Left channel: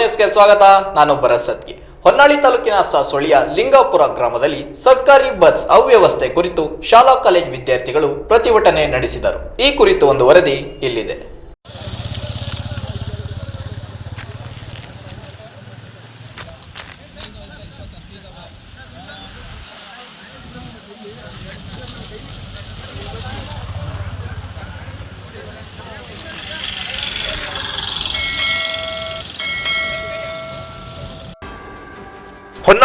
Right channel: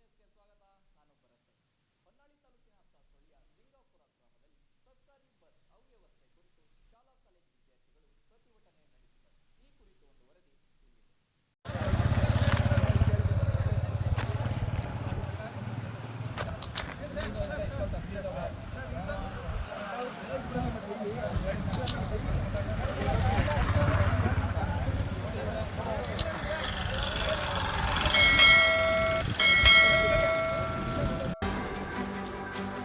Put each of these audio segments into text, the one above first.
ನ್ಯೂಸ್ಗೆ ಸ್ವಾಗತ, ನಾನು ಭರತ್ ಹೊನ್ನಾಳಿ ತಾಲೂಕಿನ ಸಾಸೊಳಿಯ ಲಿಂಗಾಪುರ ಗ್ರಾಮದಲ್ಲಿ ಸರ್ಕಾರಿ ಬಸ್ ಅವ್ಯವಸ್ಥೆ ಕುರಿತು ಶಾಲಾ ಕಾಲೇಜು ವಿದ್ಯಾರ್ಥಿಗಳು ಪ್ರತಿಭಟನೆ ನಡೆಸಿದರು. ಈ ಕುರಿತು ಒಂದು ವರದಿ ಇಲ್ಲಿದೆ.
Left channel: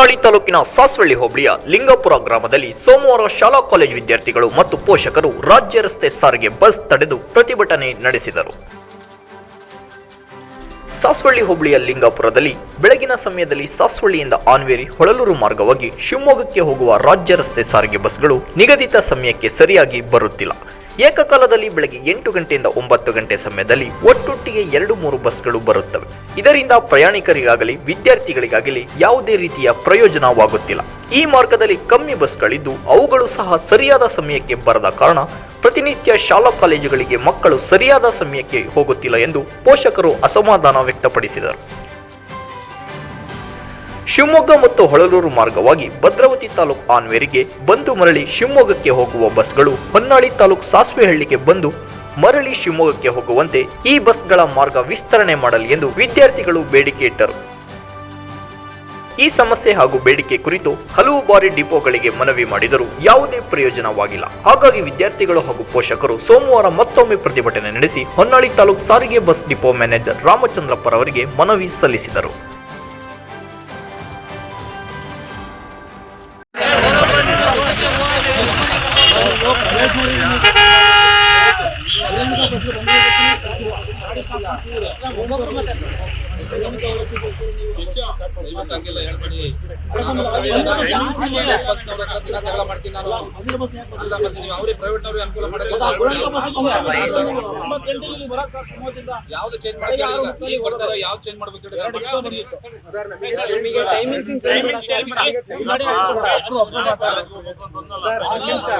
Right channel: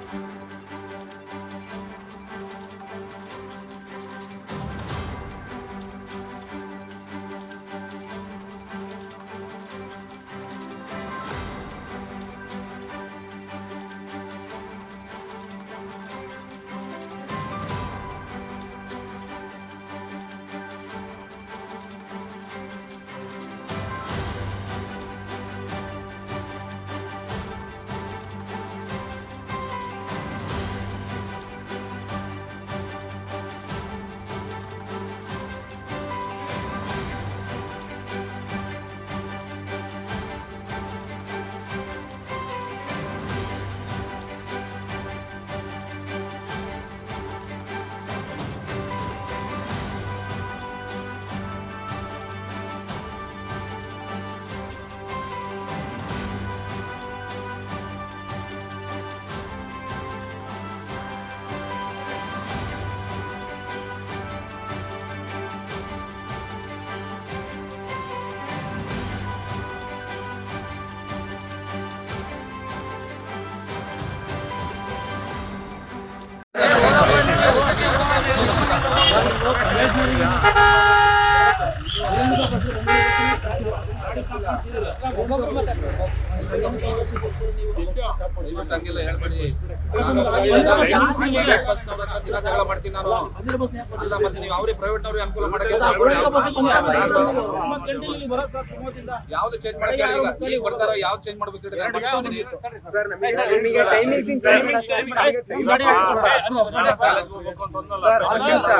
ಹೊನ್ನಾಳಿ ತಾಲೂಕಿನ ಸಾಸ್ವಳ್ಳಿ ಹೋಬಳಿಯ ಲಿಂಗಪುರ ಗ್ರಾಮದಲ್ಲಿ ಸೋಮವಾರ ಶಾಲಾ ಕಾಲೇಜು ವಿದ್ಯಾರ್ಥಿಗಳು ಮತ್ತು ಪೋಷಕರು ರಾಜ್ಯ ರಸ್ತೆ ಸಾರಿಗೆ ಬಸ್ ತಡೆದು ಪ್ರತಿಭಟನೆ ನಡೆಸಿದರು. ಸಾಸ್ವಳ್ಳಿ ಹೋಬಳಿಯ ಲಿಂಗಾಪುರದಲ್ಲಿ ಬೆಳಗಿನ ಸಮಯದಲ್ಲಿ ಸಾಸ್ವಳ್ಳಿಯಿಂದ ಆನ್ವೇರಿ ಹೊಳಲೂರು ಮಾರ್ಗವಾಗಿ ಶಿವಮೊಗ್ಗಕ್ಕೆ ಹೋಗುವ ರಾಜ್ಯ ರಸ್ತೆ ಸಾರಿಗೆ ಬಸ್ಗಳು ನಿಗದಿತ ಸಮಯಕ್ಕೆ ಸರಿಯಾಗಿ ಬರುತ್ತಿಲ್ಲ. ಏಕಕಾಲದಲ್ಲಿ ಬೆಳಗ್ಗೆ ಎಂಟು ಗಂಟೆಯಿಂದ ಒಂಬತ್ತು ಗಂಟೆ ಸಮಯದಲ್ಲಿ ಒಟ್ಟೊಟ್ಟಿಗೆ ಎರಡು ಮೂರು ಬಸ್ಗಳು ಬರುತ್ತವೆ. ಇದರಿಂದ ಪ್ರಯಾಣಿಕರಿಗಾಗಲಿ, ವಿದ್ಯಾರ್ಥಿಗಳಿಗಾಗಲಿ ಯಾವುದೇ ರೀತಿಯ ಪ್ರಯೋಜನವಾಗುತ್ತಿಲ್ಲ. ಈ ಮಾರ್ಗದಲ್ಲಿ ಕಮ್ಮಿ ಬಸ್ಗಳಿದ್ದು ಅವುಗಳು ಸಹ ಸರಿಯಾದ ಸಮಯಕ್ಕೆ ಬರದ ಕಾರಣ ಪ್ರತಿನಿತ್ಯ ಶಾಲಾ ಕಾಲೇಜುಗಳಿಗೆ ಮಕ್ಕಳು ಸರಿಯಾದ ಸಮಯಕ್ಕೆ ಹೋಗುತ್ತಿಲ್ಲ ಎಂದು ಪೋಷಕರು ಅಸಮಾಧಾನ ವ್ಯಕ್ತಪಡಿಸಿದರು. ಶಿವಮೊಗ್ಗ ಮತ್ತು ಹೊಳಲೂರು ಮಾರ್ಗವಾಗಿ ಭದ್ರಾವತಿ ತಾಲೂಕು ಆನ್ವೇರಿಗೆ ಬಂದು ಮರಳಿ ಶಿವಮೊಗ್ಗಕ್ಕೆ ಹೋಗುವ ಬಸ್ಗಳು ಹೊನ್ನಾಳಿ ತಾಲೂಕು ಸಾಸ್ವೆಹಳ್ಳಿಗೆ ಬಂದು ಮರಳಿ ಶಿವಮೊಗ್ಗಕ್ಕೆ ಹೋಗುವಂತೆ ಈ ಬಸ್ಗಳ ಮಾರ್ಗ ವಿಸ್ತರಣೆ ಮಾಡಲಿ ಎಂದು ವಿದ್ಯಾರ್ಥಿಗಳು ಬೇಡಿಕೆ ಇಟ್ಟರು. ಈ ಸಮಸ್ಯೆ ಹಾಗೂ ಬೇಡಿಕೆ ಕುರಿತು ಹಲವು ಬಾರಿ ಡಿಪೋಗಳಿಗೆ ಮನವಿ ಮಾಡಿದರೂ ಯಾವುದೇ ಪ್ರಯೋಜನವಾಗಿಲ್ಲ. ಹಾಗಾಗಿ ವಿದ್ಯಾರ್ಥಿಗಳು ಹಾಗೂ ಪೋಷಕರು ಸೋಮವಾರ ಮತ್ತೊಮ್ಮೆ ಪ್ರತಿಭಟನೆ ನಡೆಸಿ ಹೊನ್ನಾಳಿ ತಾಲೂಕು ಸಾರಿಗೆ ಬಸ್ ಡಿಪೋ ಮ್ಯಾನೇಜರ್ ರಾಮಚಂದ್ರಪ್ಪರವರಿಗೆ ಮನವಿ ಸಲ್ಲಿಸಿದರು. 我不要 ಹಂಗೆಲ್ಲ ಹೇಳ್ಬೇಡಿ ನಾನು ಪ್ರತಿದಿನ private ಬಸ್ನವ್ರ ಹತ್ರ ದಿನ ಜಗಳ ಮಾಡ್ತೀನಿ ನಾನು ಅಲ್ಲ ಮತ್ತೆ ನೀವು ಅವ್ರಿಗೆ ಪ್ರೈವೇಟ್ ಅವ್ರಿಗೆ ಅನುಕೂಲ ಮಾಡಕ್ಕೆ. ಯಾವ್ದು ಚೇಂಜ್ ಮಾಡಕ್ಕೆ ಹೇಳಿ ಈಗ ಈಗ ಬರ್ತಾರ ಯಾವ್ದು ಚೇಂಜ್ ಮಾಡ್ಬೇಕು ಹೇಳಿ ನಾನು. ಸರ್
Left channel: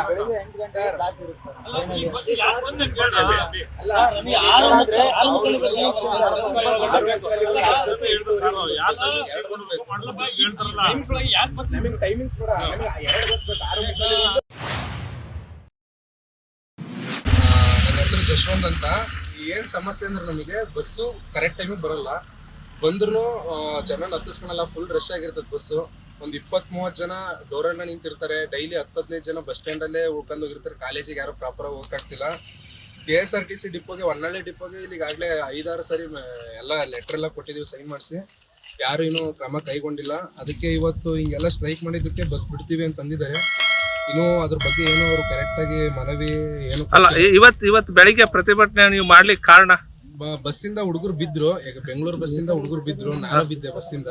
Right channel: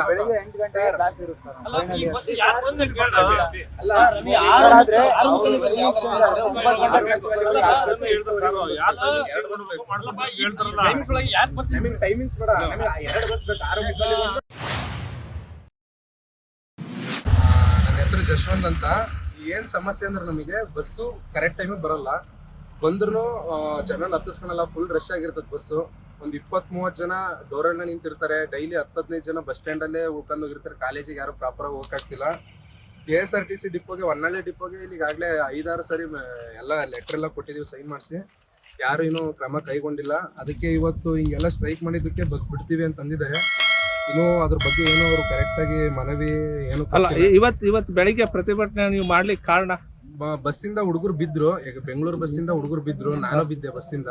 ಬೆಳಿಗ್ಗೆ ಎಂಟು ಗಂಟೆ ಟೈಮಿಂಗ್ಸ್ ಬೇಡ. ಎರಡು ಬಸ್ ಬೇಕು. ಆರು ನನ್ನ ಹೆಸರು ಜಶ್ವಂತ್ ಅಂತ. ಏನ್ ಸಮಸ್ಯೆ ಅಂದ್ರೆ ನಮಗೆ ಬಸ್ಸು ಕರೆಕ್ಟ್ ಟೈಮಿಗೆ ಬರಲ್ಲ. ಬಂದ್ರು ಜನ ಹತ್ತಿಸ್ಕೊಳಲ್ಲ ಫುಲ್ ರಶ್ ಆಗಿರ್ತದ ಬಸ್ಸು ಒಂದ್ ಇಪ್ಪತ್ ಮೂವತ್ ಜನ ಡೋರನ್ನ ನಿಂತಿರ್ತಾರೆ. ಡೈಲಿ ಹತ್ತು ಹದಿನೈದು ಜನ ಬಸ್ ಸ್ಟ್ಯಾಂಡ್ ಅಲ್ಲೇ ಉಳ್ಕೊಂಡು ಹೋಗಿರ್ತಾರೆ. ಕಾಲೇಜಿಗೆ ಯಾರು proper ಹೋಗಕ್ಕಾಗ್ತಿಲ್ಲ K S R T C ಡಿಪೋಗೆ Honnali ಡಿಪೋಗೆ ಇಲ್ಲಿ ಈಗಾಗಲೇ ಐದಾರು ಸರಿ ಎಲ್ಲ ಲೆಟರ್ ಎಲ್ಲ ಕೊಟ್ಟಿದ್ದೀವಿ ಸೈನ್ ಮಾಡಿಸಿ. ಯಾರು ಇನ್ನೂ ಕ್ರಮ ಕೈಗೊಂಡಿಲ್ಲ. ಅದಕ್ಕೆ ಇವತ್ತು ಹಿಂಗೆಲ್ಲ ಸ್ಟ್ರೈಕ್ ಮಾಡಿದ್ದಕ್ಕೆ ಬಸ್ ಬಿಡ್ತೀವಿ ಅಂತ ಅಂದಿದ್ದಾರೆ. ಇನ್ನೂ ಅದ್ರ ಬಗ್ಗೆ ಏನು ಅವರು ಕರೆಕ್ಟಾಗಿ ಮನವಿ ಏನು ಅಲ್ಲ ಇವತ್ತು ಇವತ್ತು ಇವತ್ ಇವತ್ ಬೆಳಿಗ್ಗೆ ಪ್ರತಿಭಟನೆ ನೀವು ಮಾಡ್ಲಿಕ್ಕೆ ಕಾರಣ? ಬಸ್ಸಿಂದ ಹುಡುಗರು ಬಿದ್ರು. ಈಗ ಬೆಂಗಳೂರು ಬಸ್ಸಿಂದ ಹುಡುಗರು ಬಿದ್ರು. ನಾನು ಬಿದ್ದೆ ಬಸ್ಸಿಂದ.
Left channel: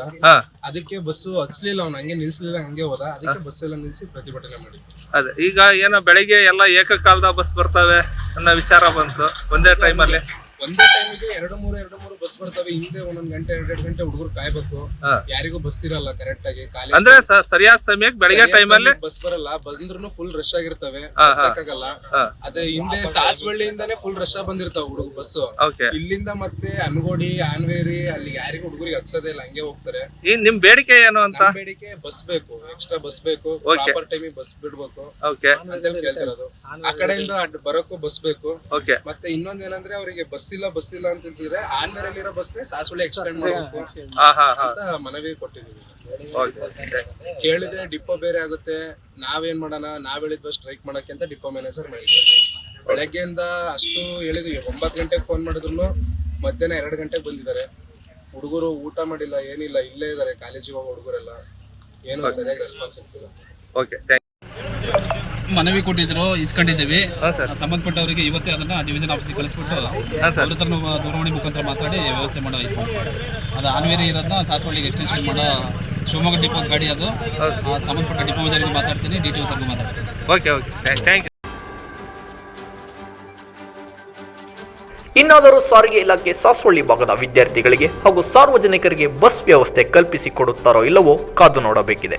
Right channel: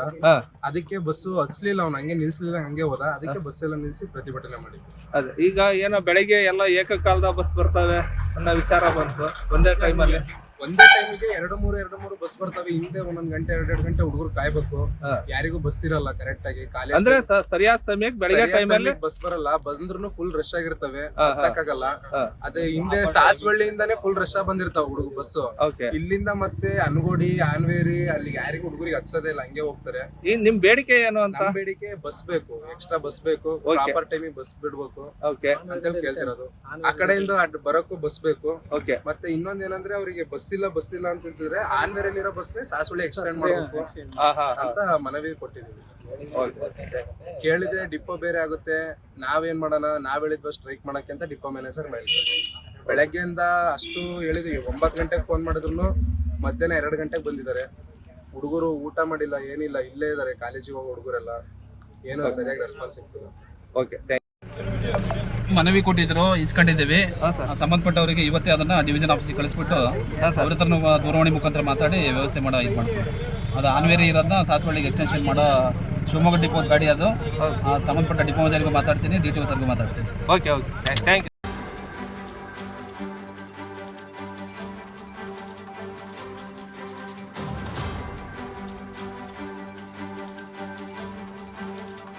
ಅದಕ್ಕೆ ಬಸ್ಸು ಹಚ್ಲಿಲ್ಲ ಅವ್ನು. ಹಂಗೆ ನಿಲ್ಸ್ಲಿಲ್ಲ ಹಂಗೆ ಹೋದ. ಅದಕ್ಕೆ ಬಸ್ ಎಲ್ಲ ನಿಲ್ಸಿ ಪ್ರತಿಭಟನೆ ಮಾಡಿದ್ವಿ. ಅದೇ ಈಗ ಏನೋ ಬೆಳಿಗ್ಗೆ ಎಲ್ಲ ಏಕಕಾಲದ ಬಸ್ ಬರ್ತವೆ ಅನ್ನೋ ವಿಚಾರ ಬಂತು ಒಂದೇ ಟೈಮಲ್ಲಿ ಒಂದೇ ಟೈಮಿಗೆ ಎರಡು ಮೂರು ಎರಡು ಮೂರು ಬಸ್ ಬರ್ತವೆ. ಹಿಂದೆ ಒಂದೊಂದ್ ಗಂಟೆ ಎರಡೆರಡು ಗಂಟೆ ಹುಡುಗರು ಕಾಯ್ಬೇಕು. ಹಾ. ಯಾರಿಗೂ ಬಸ್ ಇರಲ್ಲ ಕರೆಕ್ಟ್ ಆಗಿ. ಕಾಲೇಜ್ ಅಂದ್ರೆ ಸ- ಸರಿಯಾದ ಸಮಯಕ್ಕೆ ಬೆಳಿಗ್ಗೆ ಅಲ್ಲಿ ಬಸ್ ಬರಲ್ಲ. ಬಂದ್ರು ಫುಲ್ ರಶ್ ಆಗಿರ್ತವೆ. ಹಾ, ಹಾ. ಆಗಲ್ಲ ಹಾ. ಅದೇ ಹಿಂದೆ ಸಾಸ್ವಳ್ಳಿಯಿಂದಾನೇ ಫುಲ್ ರಶ್ ಬಂದಿರ್ತಾವ ಹುಡುಗ ಬಸ್ ಓಕೆ ಇಲ್ಲಿಂದ ಮತ್ತೆ ಅನ್ಗೋಡಿ ಆನ್ವೇರಿ ಅಲ್ಲಿ ಯಾರಿಗೂ ಹುಡುಗರಿಗೆ ಹಚ್ಚದೇ ಇಲ್ಲ. ಹಂಗೆ ಹೋಗ್ತಾರೆ. ಈ ನಿಮ್ ಬೇಡಿಕೆ ಏನು ಅಂತ? ನಮ್ ಬೇಡಿಕೆ ಬಸ್ ಬೇಕು. ಎಕ್ಸ್ಟ್ರಾ ಬಸ್ ಬೇಕು. Okay. ಪ್ರಾಪರ್ ಟೈಮಿಗೆ ಬಸ್ ಬಿಡ್ಬೇಕು. ಓಕೆ ಅಂತ ಕೇಳ್ತಿರೋದು. ಆ ಕಡೆಯಿಂದ ಅಡ್ ಬರೋಕ್ಕೂ ಬಸ್ ಬೇಕು. ಓಕೆ ಮತ್ತೆ ಇನ್ನೊಂದ್ ಏನಂದ್ರೆ ಅವರಿಗೆ ಬಸ್ ಇಲ್ಲ ಬಸ್ ಇಲ್ಲ ಅಂತಿದ್ರೆ ಆನ್ವೇರಲ್ಲಿರೋ ಬಸ್ನೇ ಸಾಸುಳಿ ಎಕ್ಸ್ಟೆಂಡ್ ಮಾಡ್ಬೇಕು ಅಂತ ಮನವಿ ಕೊಟ್ಟಿದೀವಿ. ಓಕೆ ಕೇಳಿದ್ರೆ ಡಿಪೋ ಬೇರೆ ಆಗುತ್ತೆ. ನಾವೇನ್ ಮಾಡೋಣ? ನಾವ್ ಹೇಳಿದ್ವ ಸ್ಟ್ರೈಕ್ ಮಾಡಕ್ಕೆ ಅಂತ ಡಿಪೋ ಮ್ಯಾನೇಜರ್ ಮಾಡಿದ್ವಿ ಬೆಳಗ್ಗೆಯಿಂದ ಅಷ್ಟು ಹೇಳಿದ್ವಿ. ಒಂಬತ್ತು ಗಂಟೆಗೆ ಫೋನ್ ಮಾಡಿದ್ರು ಮಧ್ಯಾಹ್ನ ಎರಡು ಗಂಟೆಗೆ ಬಂದಿದ್ದಾರೆ. ಹುಡುಗರು ಊಟ ಮಾಡಿಲ್ಲ ಏನಿಲ್ಲ ಇಲ್ಲೇ ಇದಾರೆ. ಕಾಲೇಜಿಗೆ ಹೋಗೋ ಹುಡುಗರೆಲ್ಲ. ಏನು ಸರಿಯಾಗಿ ರೆಸ್ಪಾನ್ಸ್ ಸಿಗ್ತದೆ ಓಕೆ ಥ್ಯಾಂಕ್ ಮನವಿ ಕೊಟ್ಟಿದ್ರು ಇಸ್ಕೊಂಡಿದ್ದೀವಿ. ಹಾಂ ಸರ್. ಸಂಬಂಧಪಟ್ಟವರಿಗೆ ಇವತ್ತೇ ಅದನ್ನ ಡಿವಿಷನ್ ಆಫೀಸಿಗೆ ಕಳಿಸ್ಬಿಟ್ಟು ಅವ್ರ ಹತ್ರ ದೂರವಾಣಿ ಮುಖಾಂತರ ಮಾತಾಡಿ ವ್ಯವಸ್ಥೆ ಮಾಡೋ ಇದು ಮಾಡ್ತಾರೆ. ಅದು ಆನ್ವೇರಿ ಇರೋದನ್ನ ಸಾಸವಳ್ಳಿಗೆ ಎಕ್ಸ್ಟೆನ್ಷನ್ ಮಾಡೋ ಶಿವಮೊಗ್ಗ ಡಿಪೋ ಗಾಡಿ ಅದು. ಆ ಸಂಬಂಧಪಟ್ಟ ಡಿಪೋ ಮಜಾರಿಗೆ ಮಾತಾಡ್ತೀನಿ ಡಿ ಟಿ ಒ ಸರ್ಗೂ ಮಾತಾಡ್ತೀನಿ. ಓಕೆ ಓಕೆ ಥ್ಯಾಂಕ್ ಯು ಇನ್ನಾದರೂ ಸಾರಿಗೆ ಇಲಾಖೆ ಸಾಸ್ವಳ್ಳಿ ಭಾಗದ ವಿದ್ಯಾರ್ಥಿಗಳಿಗೆ ಹಾಗೂ ಸಾರ್ವಜನಿಕರಿಗೆ ಬಸ್ ವ್ಯವಸ್ಥೆ ಕಲ್ಪಿಸಿಕೊಡುತ್ತಾರೋ ಇಲ್ಲವೋ ಕಾದು ನೋಡಬೇಕಿದೆ.